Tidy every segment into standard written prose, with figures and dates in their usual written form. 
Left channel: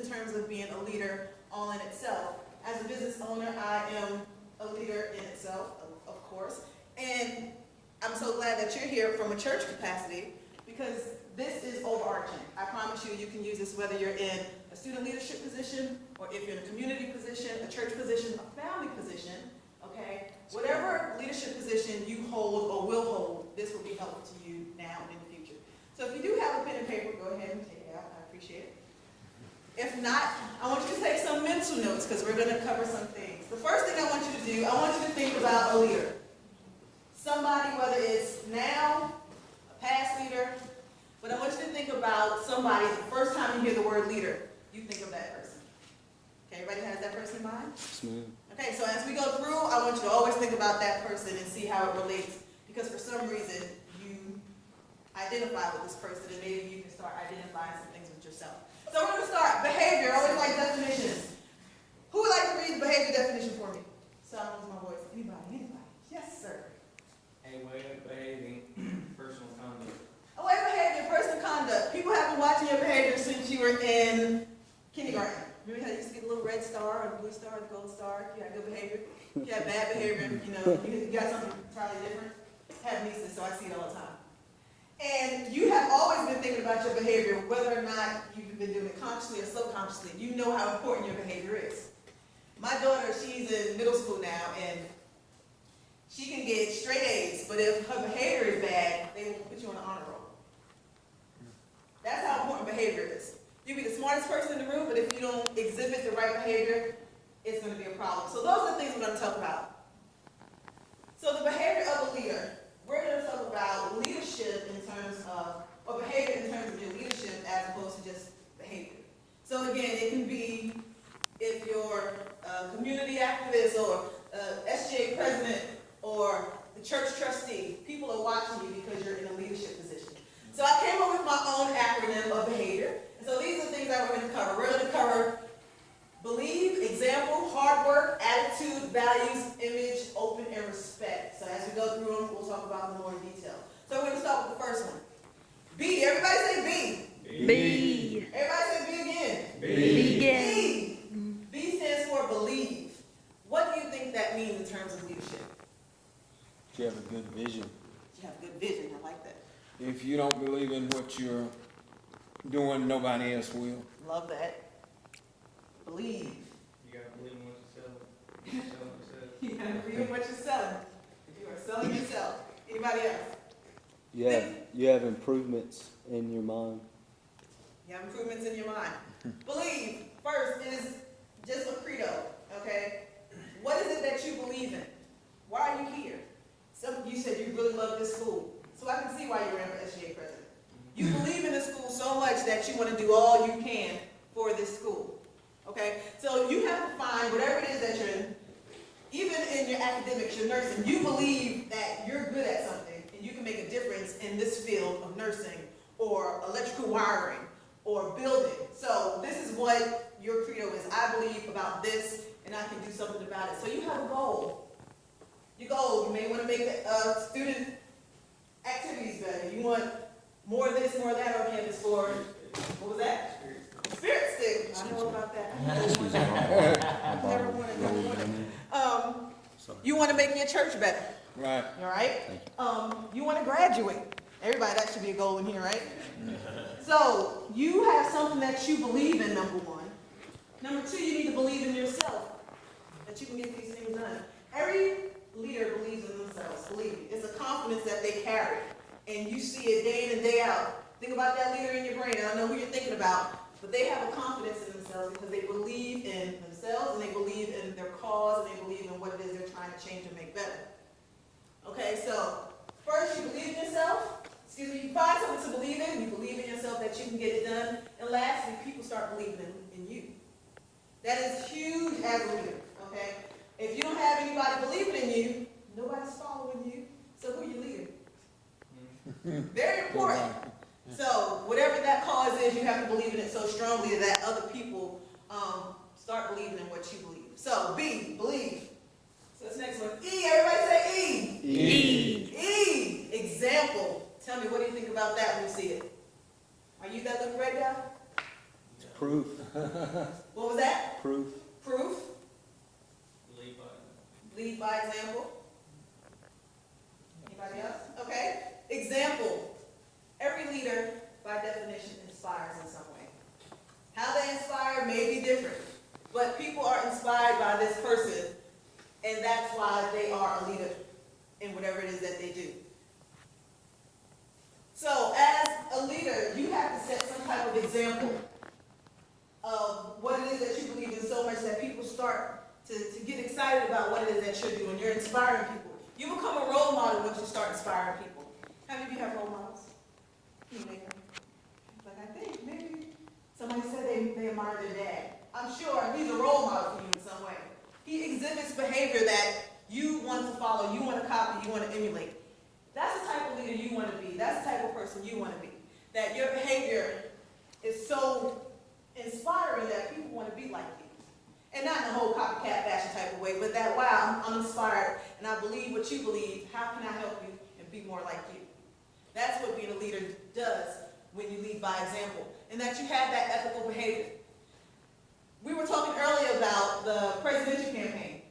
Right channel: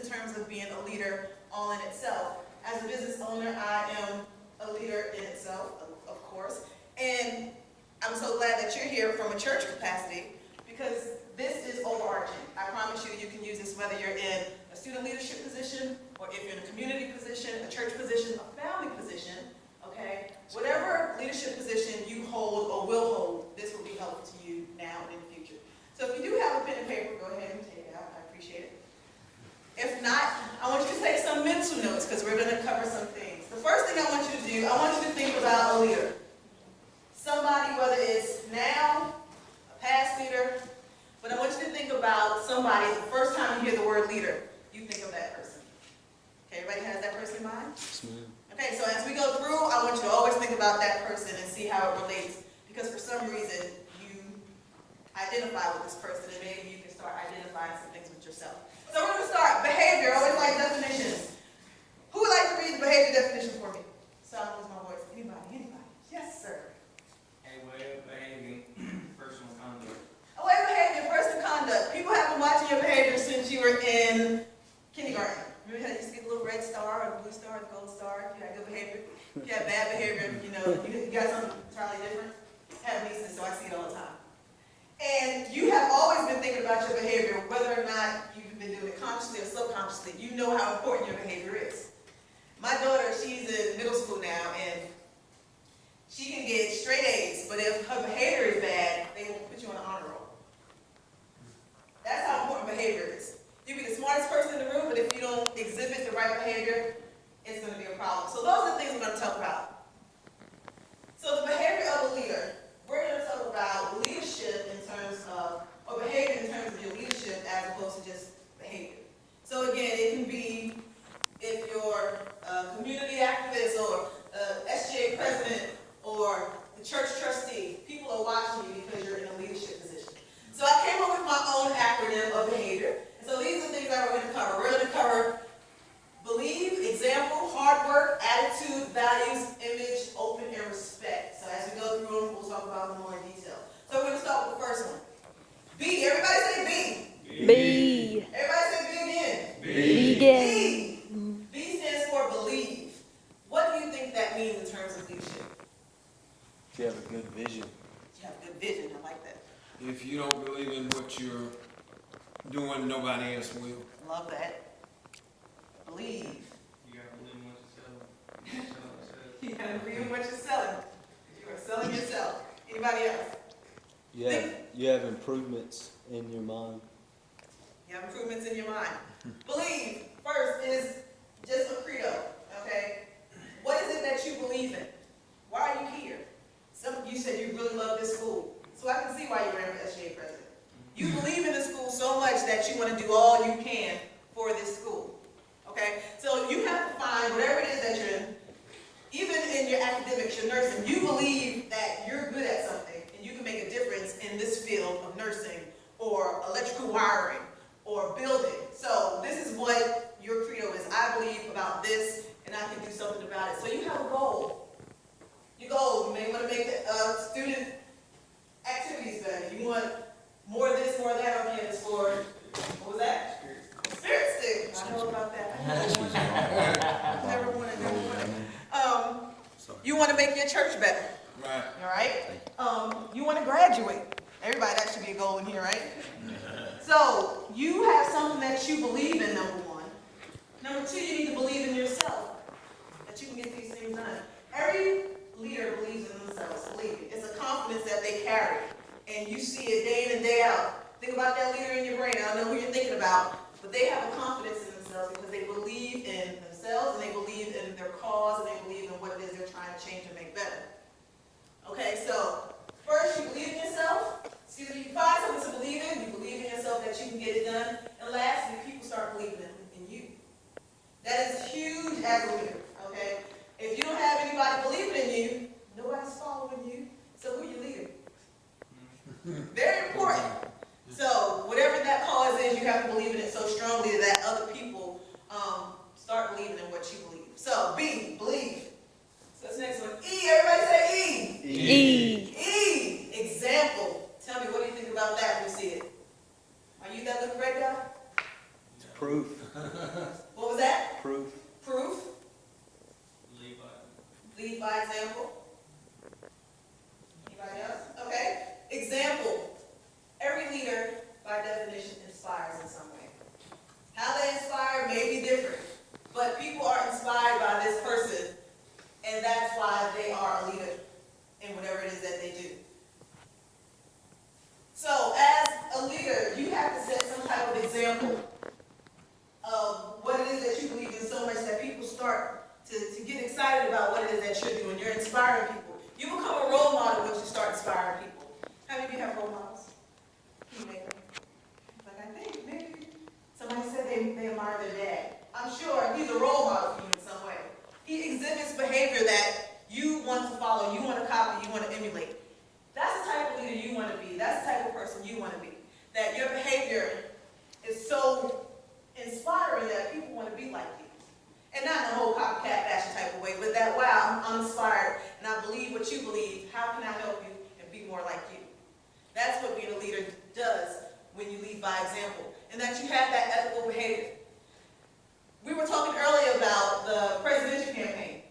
in terms of being a leader all in itself. As a business owner, I am a leader in itself, of course, and I'm so glad that you're here from a church capacity, because this is overarching. I promise you, you can use this whether you're in a student leadership position, or if you're in a community position, a church position, a family position, okay? Whatever leadership position you hold or will hold, this will be helpful to you now and in the future. So if you do have a pen and paper, go ahead and take it out. I appreciate it. If not, I want you to take some mental notes, because we're going to cover some things. The first thing I want you to do, I want you to think about a leader. Somebody, whether it's now, a past leader, but I want you to think about somebody, the first time you hear the word leader, you think of that person. Okay, everybody has that person in mind? Okay, so as we go through, I want you to always think about that person and see how it relates, because for some reason, you identify with this person, and maybe you can start identifying some things with yourself. So we're going to start. Behavior. I always like definitions. Who would like to read the behavior definition for me? So I lose my voice. Anybody? Yes, sir. A way of behaving, personal conduct. A way of behaving, personal conduct. People have been watching your behavior since you were in kindergarten. Remember how you used to get a little red star, or a blue star, or a gold star? If you had good behavior. If you had bad behavior, you got something entirely different. I have nieces, so I see it all the time. And you have always been thinking about your behavior, whether or not you've been doing it consciously or subconsciously. You know how important your behavior is. My daughter, she's in middle school now, and she can get straight A's, but if her behavior is bad, they will put you on an honor roll. That's how important behavior is. You can be the smartest person in the room, but if you don't exhibit the right behavior, it's going to be a problem. So those are the things we're going to talk about. So the behavior of a leader. We're going to talk about leadership in terms of, or behavior in terms of your leadership as opposed to just behavior. So again, it can be if you're a community activist or SGA president or the church trustee. People are watching you because you're in a leadership position. So I came up with my own acronym of behavior. And so these are the things that we're going to cover. We're going to cover believe, example, hard work, attitude, values, image, open, and respect. So as we go through them, we'll talk about them more in detail. So we're going to start with the first one. B. Everybody say B. B. Everybody say B again. B again. B. B stands for believe. What do you think that means in terms of leadership? If you have a good vision. You have a good vision. I like that. If you don't believe in what you're doing, nobody else will. Love that. Believe. You gotta believe in what you're selling. You gotta believe in what you're selling. If you are selling yourself. Anybody else? You have improvements in your mind. You have improvements in your mind. Believe, first, is just a credo, okay? What is it that you believe in? Why are you here? Some of you said you really love this school, so I can see why you ran for SGA president. You believe in the school so much that you want to do all you can for this school, okay? So you have to find whatever it is that you're in, even in your academics, your nursing, you believe that you're good at something and you can make a difference in this field of nursing or electrical wiring or building. So this is what your credo is. I believe about this and I can do something about it. So you have a goal. Your goal, you may want to make student activities better. You want more of this, more of that, or again, it's for, what was that? Spirit stick. I know about that. Never wanted. You want to make your church better. Right. All right? You want to graduate. Everybody, that should be a goal in here, right? So, you have something that you believe in, number one. Number two, you need to believe in yourself, that you can get these things done. Every leader believes in themselves, believe me. It's a confidence that they carry, and you see it day in and day out. Think about that leader in your brain. I don't know who you're thinking about, but they have a confidence in themselves because they believe in themselves, and they believe in their cause, and they believe in what it is they're trying to change and make better. Okay, so first you believe in yourself. You find something to believe in. You believe in yourself that you can get it done. And lastly, people start believing in you. That is huge as a leader, okay? If you don't have anybody believing in you, nobody's following you, so who are you leading? Very important. So whatever that cause is, you have to believe in it so strongly that other people start believing in what you believe. So B, believe. So this next one, E. Everybody say E. E. E. Example. Tell me, what do you think about that when you see it? Are you that little red guy? Prove Proof. What was that? Proof. Proof. Lead by. Lead by example. Anybody else? Okay. Example. Every leader, by definition, inspires in some way. How they inspire may be different, but people are inspired by this person, and that's why they are a leader in whatever it is that they do. So, as a leader, you have to set some type of example of what it is that you believe in so much that people start to get excited about what it is that you're doing. You're inspiring people. You become a role model once you start inspiring people. How many of you have role models? You make them. But I think maybe somebody said they admire their dad. I'm sure he's a role model for you in some way. He exhibits behavior that you want to follow, you want to copy, you want to emulate. That's the type of leader you want to be. That's the type of person you want to be. That your behavior is so inspiring that people want to be like you. And not in a whole copycat fashion type of way, but that, wow, I'm inspired and I believe what you believe. How can I help you and be more like you? That's what being a leader does when you lead by example. And that you have that ethical behavior. We were talking earlier about the presidential campaign.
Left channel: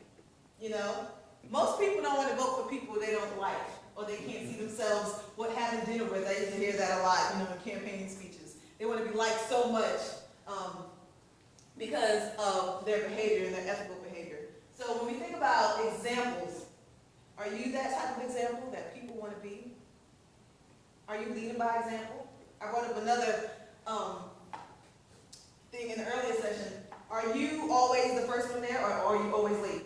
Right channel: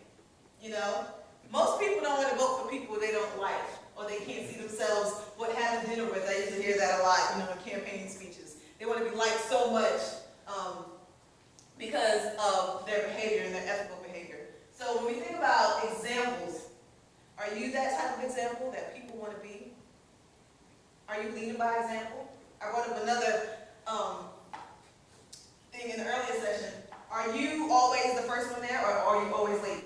You know, most people don't want to vote for people they don't like or they can't see themselves having dinner with. I used to hear that a lot, you know, in campaigning speeches. They want to be liked so much because of their behavior and their ethical behavior. So when we think about examples, are you that type of example that people want to be? Are you leading by example? I brought up another thing in the earlier session. Are you always the first one there, or are you always late?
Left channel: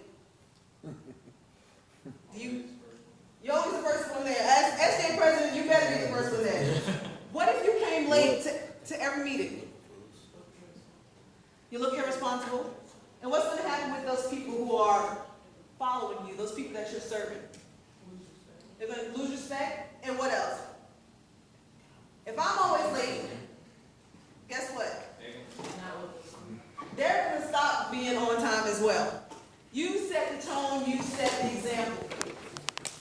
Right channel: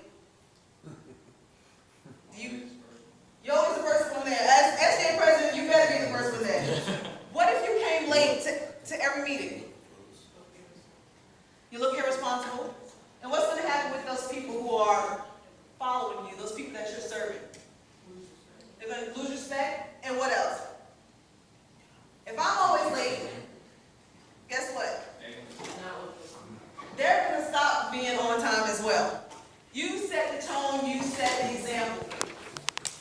You're always the first one there. As SJ president, you better be the first one there. What if you came late to every meeting? You look irresponsible. And what's going to happen with those people who are following you, those people that you're serving? They're going to lose respect. And what else? If I'm always late, guess what? They're going to stop being on time as well. You set the tone, you set the example.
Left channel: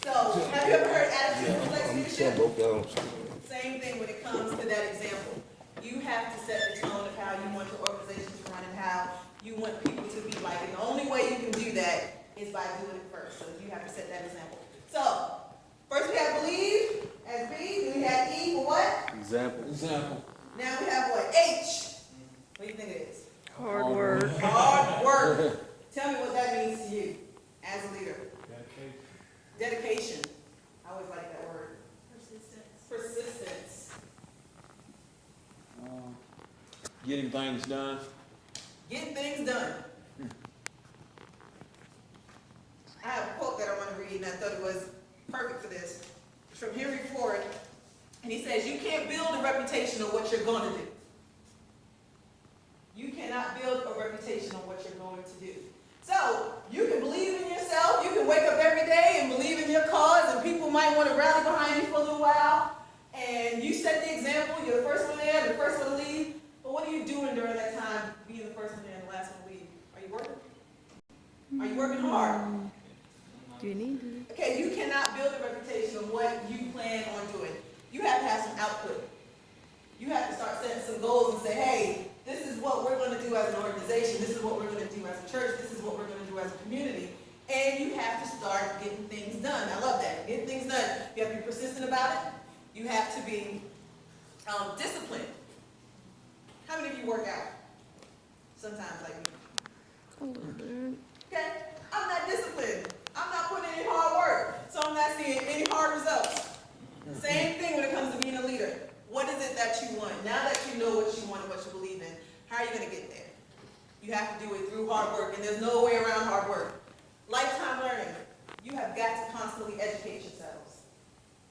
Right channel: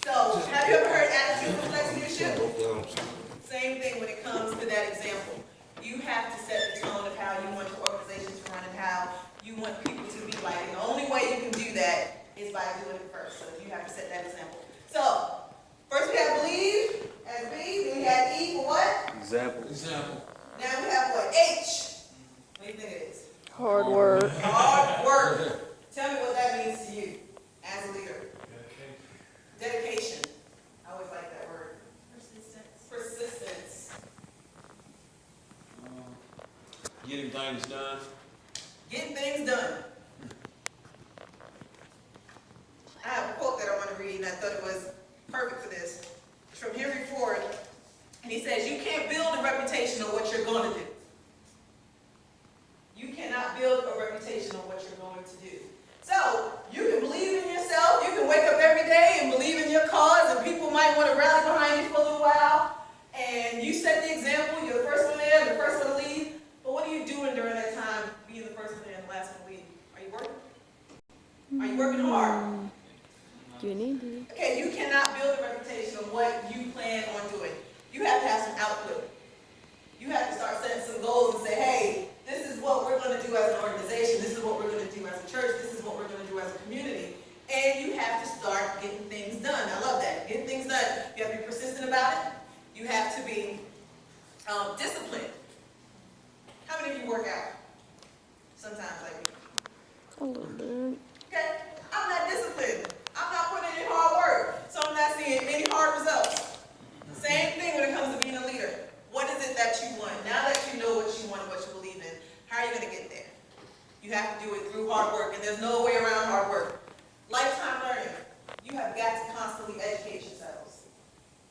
So, have you ever heard attitude reflects leadership? Same thing when it comes to that example. You have to set the tone of how you want your organization to run and how you want people to be like. And the only way you can do that is by doing it first. So you have to set that example. So, first we have believe as B, then we have E for what? Example. Now we have what? H. What do you think it is? Hard work. Hard work. Tell me what that means to you as a leader. Dedication. I always like that word. Persistence. Getting things done. Getting things done. I have a quote that I want to read, and I thought it was perfect for this. It's from Henry Ford, and he says, "You can't build a reputation on what you're going to do. You cannot build a reputation on what you're going to do." So, you can believe in yourself, you can wake up every day and believe in your cause, and people might want to rally behind you for a little while, and you set the example, you're the first one there, the first one to leave, but what are you doing during that time, being the first one there and the last one to leave? Are you working? Are you working hard? You need to. Okay, you cannot build a reputation on what you plan on doing. You have to have some output. You have to start setting some goals and say, hey, this is what we're going to do as an organization. This is what we're going to do as a church. This is what we're going to do as a community. And you have to start getting things done. I love that. Getting things done. You have to be persistent about it. You have to be disciplined. How many of you work out? Sometimes like me. A little bit. Okay? I'm not disciplined. I'm not putting in hard work. So I'm not seeing any hard results. Same thing when it comes to being a leader. What is it that you want? Now that you know what you want and what you believe in, how are you going to get there? You have to do it through hard work, and there's no way around hard work. Lifetime learning. You have got to constantly educate yourselves.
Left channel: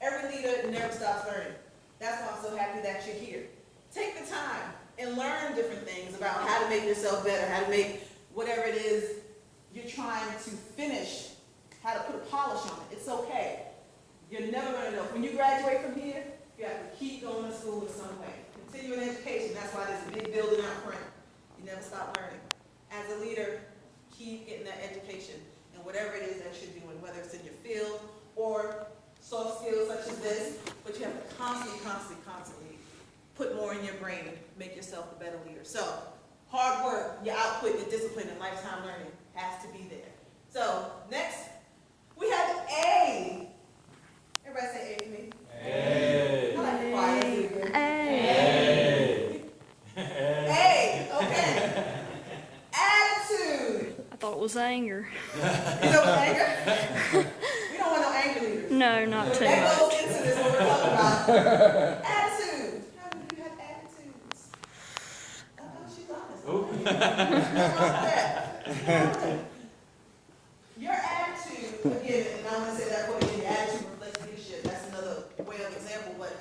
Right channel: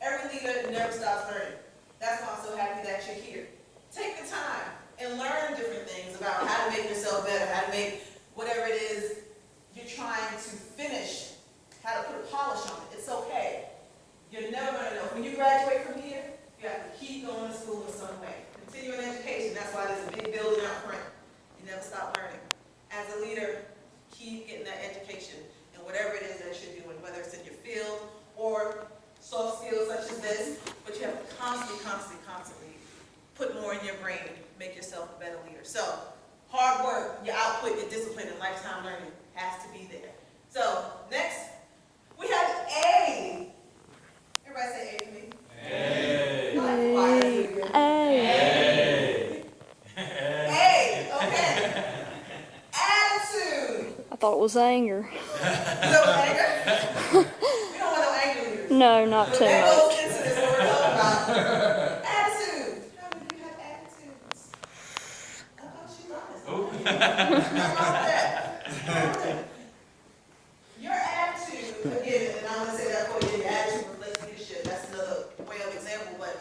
Every leader never stops learning. That's why I'm so happy that you're here. Take the time and learn different things about how to make yourself better, how to make whatever it is you're trying to finish, how to put a polish on it. It's okay. You're never going to know. When you graduate from here, you have to keep going to school in some way. Continuing education, that's why there's a big building out front. You never stop learning. As a leader, keep getting that education in whatever it is that you're doing, whether it's in your field or soft skills such as this, but you have to constantly put more in your brain, make yourself a better leader. So, your output, your discipline, and lifetime learning has to be there. So, next, we have A. Everybody say A for me. Hey. I like quiet. Hey. A, okay. Attitude. I thought it was anger. You know anger? We don't want no anger leaders. No, not But too that much. goes into this what we're talking about. Attitude. How many of you have attitudes? Oh, she's honest. Nothing wrong with that. Your attitude, again, and I'm going to say that quote again, your attitude reflects leadership. That's another way of example, but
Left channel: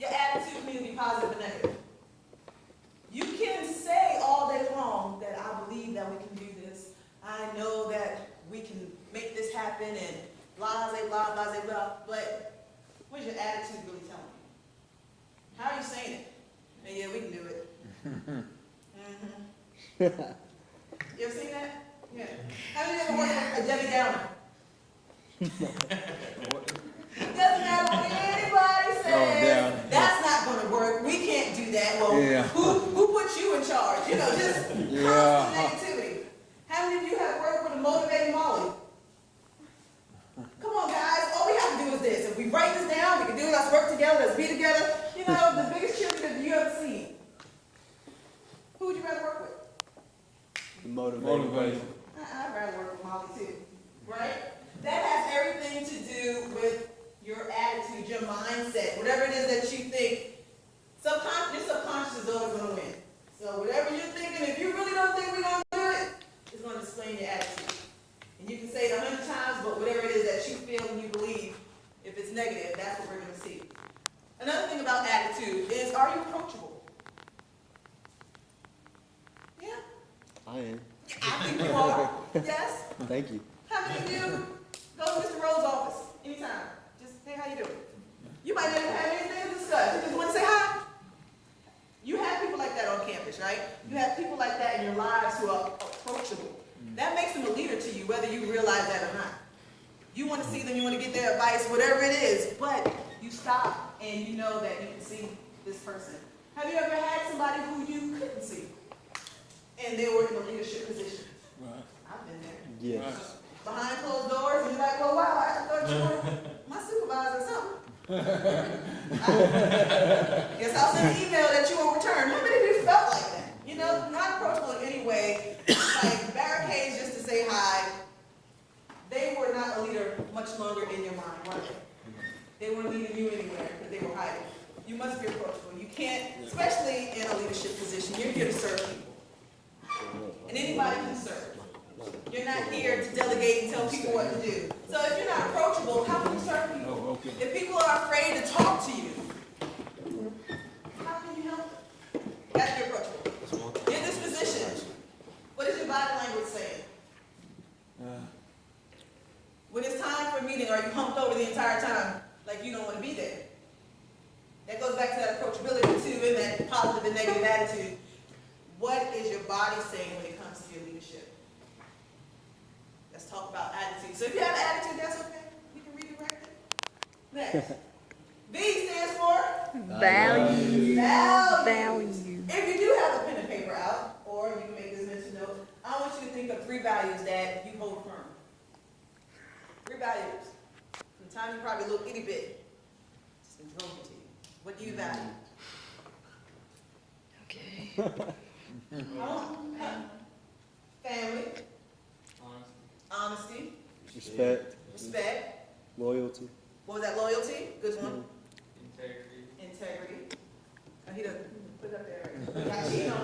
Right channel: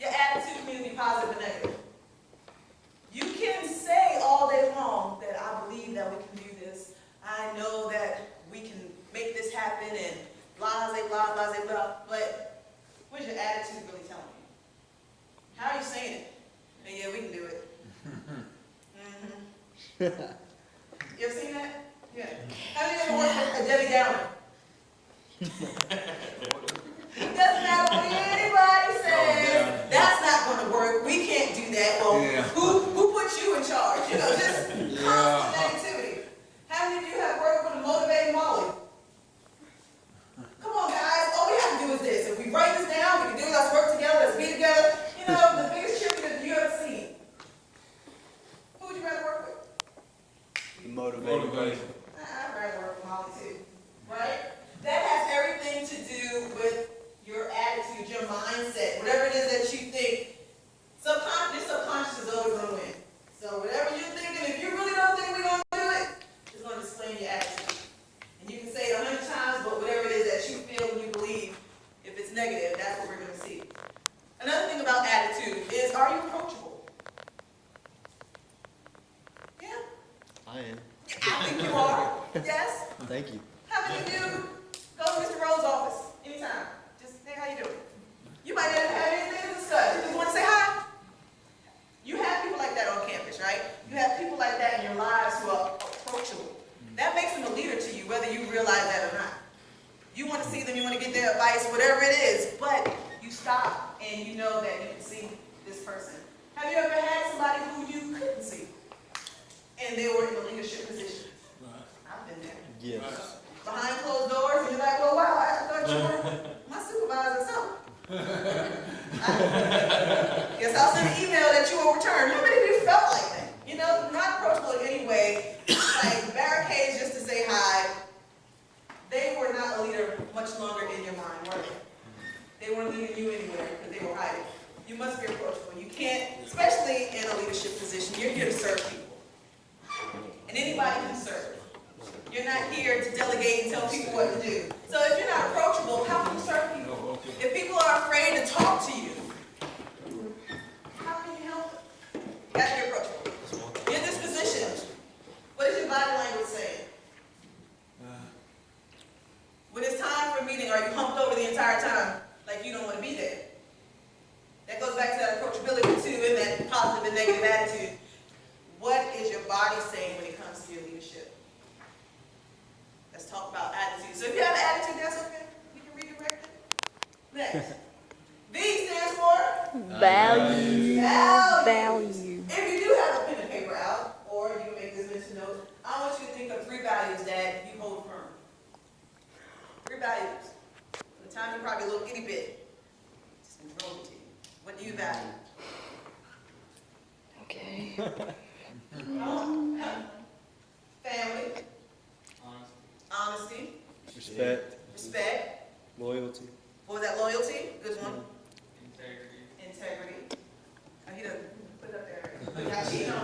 your attitude can be positive and negative. You can say all day long that I believe that we can do this. I know that we can make this happen and blah, blah, blah, blah, blah. But what's your attitude really telling you? How are you saying it? And yeah, we can do it. You ever seen that? Yeah. Have you ever worked with a Debbie Downer? Doesn't matter what anybody says. That's not going to work. We can't do that. Well, Yeah. who put you in charge? You know, just constant negativity. How many of you have worked with a motivating Molly? Come on, guys. All we have to do is this. If we break this down, we can do it. Let's work together. Let's be together. You know, the biggest cheerleader you ever seen. Who would you rather work with? Motivation. I'd rather work with Molly too, right? That has everything to do with your attitude, your mindset, whatever it is that you think. Your subconscious is always going to win. So whatever you're thinking, if you really don't think we're going to do it, it's going to explain your attitude. And you can say it 100 times, but whatever it is that you feel and you believe, if it's negative, that's what we're going to see. Another thing about attitude is, are you approachable? Yeah. I am. I think you are. Yes. Thank you. How many of you go to Mr. Rowe's office anytime? Just say how you doing. You might not have anything to discuss. You just want to say hi. You have people like that on campus, right? You have people like that in your lives who are approachable. That makes them a leader to you, whether you realize that or not. You want to see them, you want to get their advice, whatever it is, but you stop and you know that you can see this person. Have you ever had somebody who you couldn't see? And they were in a leadership position? I've been there. Yes. Behind closed doors, and you're like, well, wow, I thought you were my supervisor or something. Guess I'll send an email that you won't return. How many of you felt like that? You know, not approachable in any way, like barricades just to say hi. They were not a leader much longer in your mind, were they? They weren't leading you anywhere because they were hiding. You must be approachable. You can't, especially in a leadership position, you're here to serve people. And anybody can serve. You're not here to delegate and tell people what to do. So if you're not approachable, how can you serve people? If people are afraid to talk to you, how can you help them? That's your approachable. Your disposition. What is your body language saying? When it's time for a meeting, are you humped over the entire time like you don't want to be there? That goes back to that approachability too, and that positive and negative attitude. What is your body saying when it comes to your leadership? Let's talk about attitude. So if you have an attitude, that's okay. You can redirect it. Next. V stands for? Value. Value. If you do have a pen and paper out, or you can make this mental note, I want you to think of 3 values that you hold firm. 3 values. From the time you're probably a little itty bit, just been thrown to you. What do you value? Okay. Family. Honesty. Respect. Loyalty. What was that? Loyalty. Good one. Integrity. Integrity. He doesn't put it up there. Look how she know.